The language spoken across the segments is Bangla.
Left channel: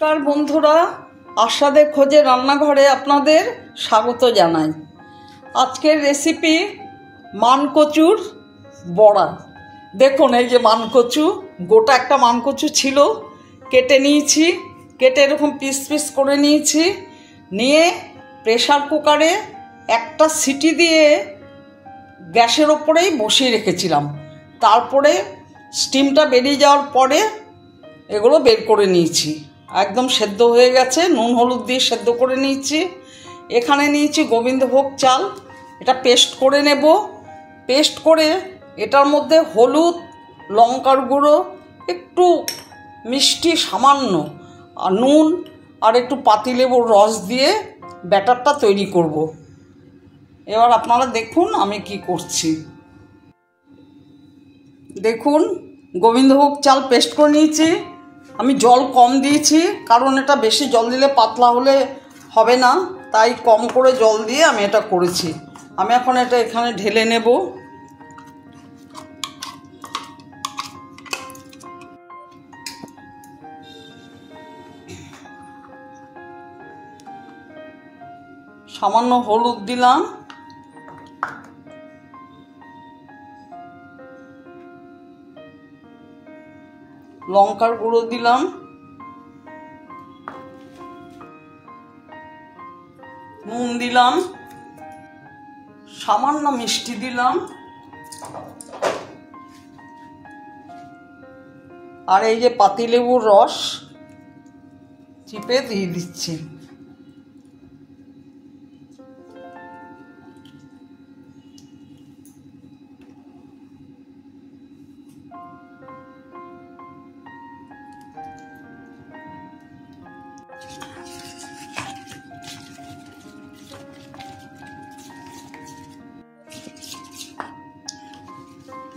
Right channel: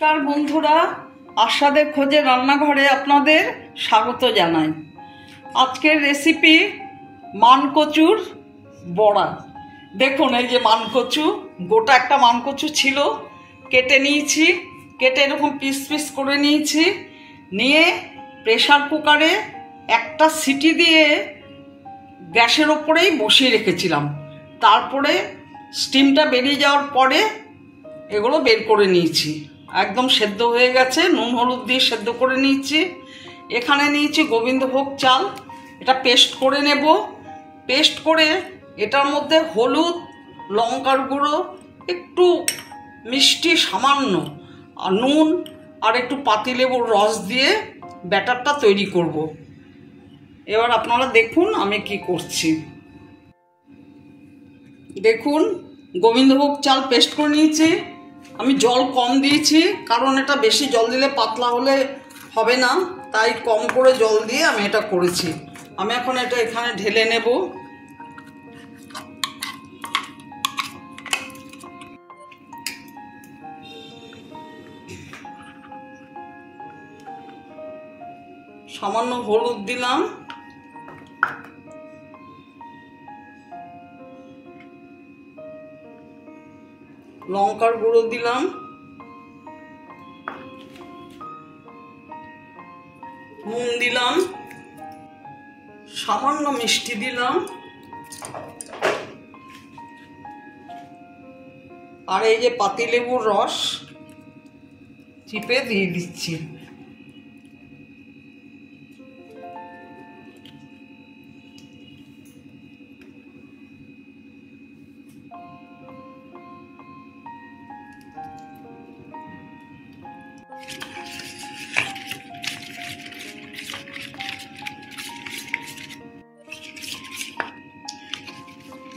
নমস্কার বন্ধুরা, আশাদের খোঁজে রান্নাঘরে আপনাদের স্বাগত জানাই। আজকের রেসিপি মানকচুর বড়া। দেখুন, এই যে মানকচু, গোটা একটা মানকচু ছিল, কেটে নিয়েছি। কেটে এরকম পিস পিস করে নিয়েছি। নিয়ে প্রেসার কুকারে একটা সিটি দিয়ে গ্যাসের ওপরেই বসিয়ে রেখেছিলাম। তারপরে স্টিমটা বেরিয়ে যাওয়ার পরে এগুলো বের করে নিয়েছি। একদম সেদ্ধ হয়ে গেছে, নুন হলুদ দিয়ে সেদ্ধ করে নিয়েছি। এখানে নিয়েছি গোবিন্দভোগ চাল, এটা পেস্ট করে নেব। পেস্ট করে এটার মধ্যে হলুদ, লঙ্কার গুঁড়ো, একটু মিষ্টি সামান্য, আর নুন আর একটু পাতিলেবুর রস দিয়ে ব্যাটারটা তৈরি করব। এবার আপনারা দেখুন আমি কি করছি। দেখুন, গোবিন্দভোগ চাল পেস্ট করে নিয়েছি। আমি জল কম দিয়েছি, কারণ এটা বেশি জল দিলে পাতলা হলে হবে না, তাই কম করে জল দিয়ে আমি এটা করেছি। আমি এখন এটা এখানে ঢেলে নেব। সামান্য হলুদ দিলাম, লঙ্কার গুঁড়ো দিলাম, নুন দিলাম, সামান্য মিষ্টি দিলাম, আর এই যে পাতিলেবুর রস চিপে দিয়ে দিচ্ছি।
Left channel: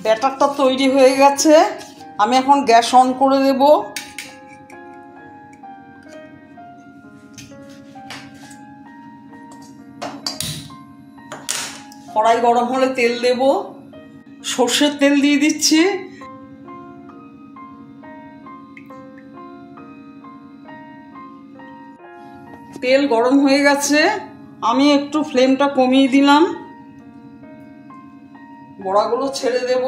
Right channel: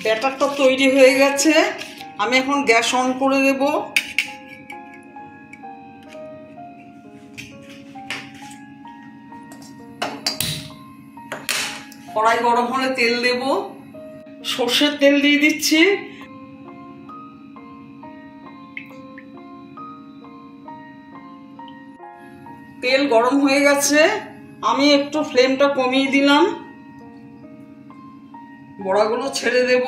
ব্যাটারটা তৈরি হয়ে গেছে, আমি এখন গ্যাস অন করে দেব। কড়াই গরম হলে তেল দেব। সর্ষের তেল দিয়ে দিচ্ছি। তেল গরম হয়ে গেছে, আমি একটু ফ্লেমটা কমিয়ে দিলাম। বড়াগুলো ছেড়ে দেব।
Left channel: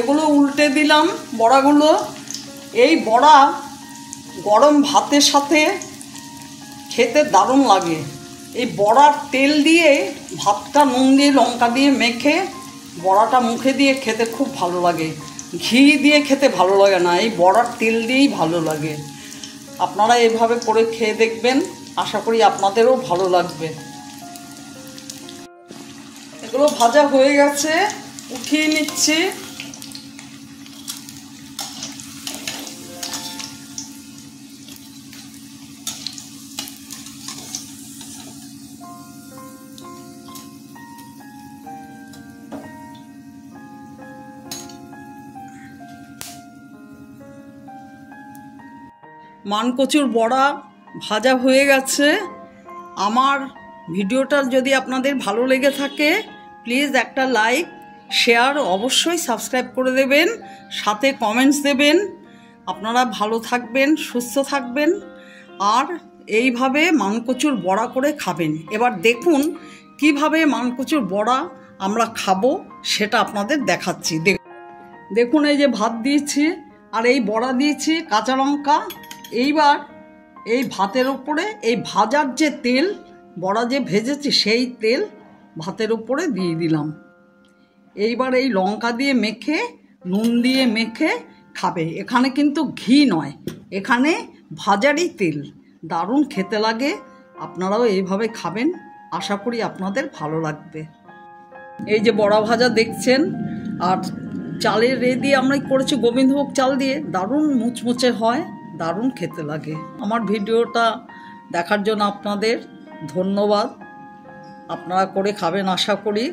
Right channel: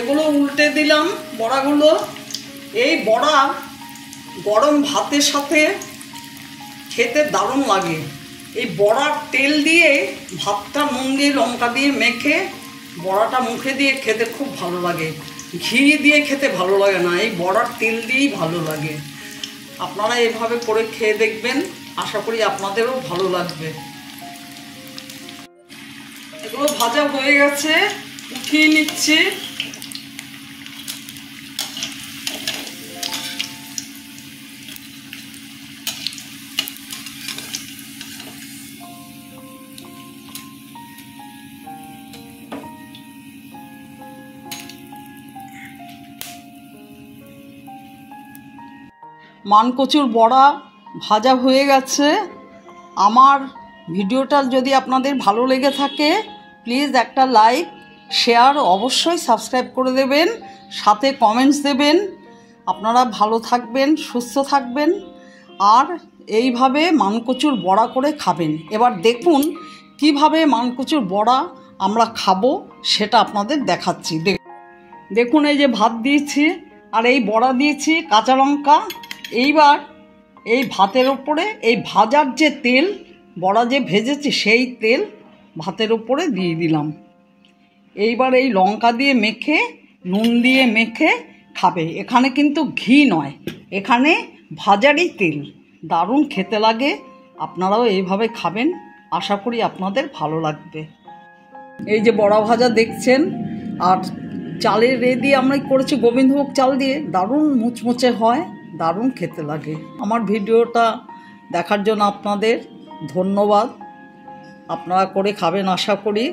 এগুলো উল্টে দিলাম বড়াগুলো। এই বড়া গরম ভাতের সাথে খেতে দারুণ লাগে। এই বড়ার তেল দিয়ে ভাতটা নুন দিয়ে লঙ্কা দিয়ে মেখে বড়াটা মুখে দিয়ে খেতে খুব ভালো লাগে। ঘি দিয়ে খেতে ভালো লাগে না, এই বড়ার তেল দিয়েই ভালো লাগে। আপনারা এভাবে করে খেয়ে দেখবেন, আশা করি আপনাদেরও ভালো লাগবে। এগুলো ভাজা হয়ে গেছে, উঠিয়ে নিচ্ছি। মানকচুর বড়া ভাজা হয়ে গেছে। আমার ভিডিওটা যদি আপনাদের ভালো লেগে থাকে, প্লিজ একটা লাইক, শেয়ার, অবশ্যই সাবস্ক্রাইব করে দেবেন, সাথে কমেন্টস দেবেন। আপনারা ভালো থাকবেন, সুস্থ থাকবেন, আর এইভাবে মানকচুর বড়া করে খাবেন। এবার দেখুন কিভাবে মানকচুর বড়া আমরা খাবো, সেটা আপনাদের দেখাচ্ছি। দেখুন, এই যে ভাত দিয়েছি আর এই বড়া দিয়েছি, কাঁচা লঙ্কা। এইবার এই ভাতের ওপরে এই ভাজার যে তেল, বড়া যে ভেজেছি সেই তেল ভাতের ওপরে দিয়ে দিলাম। এইবার এই লঙ্কা দিয়ে মেখে, নুন দিয়ে মেখে খাবে। এখানে কিন্তু ঘি নয়, এখানে ভাজারই তেল। দারুণ খেতে লাগে। আপনারাও এইভাবে খাবেন, আশা করি আপনাদের ভালো লাগবে। এই যে বড়া ভাজা দেখছেন, আর চালের দিয়ে আমরা করেছি গোবিন্দভোগ চাল দিয়ে, দারুণ মুচমুচে হয়, দারুণ খেতে লাগে। আমার ভিডিওটা দেখার জন্য আপনাদের ধন্যবাদ। আপনারা করে খাবেন আশা করি।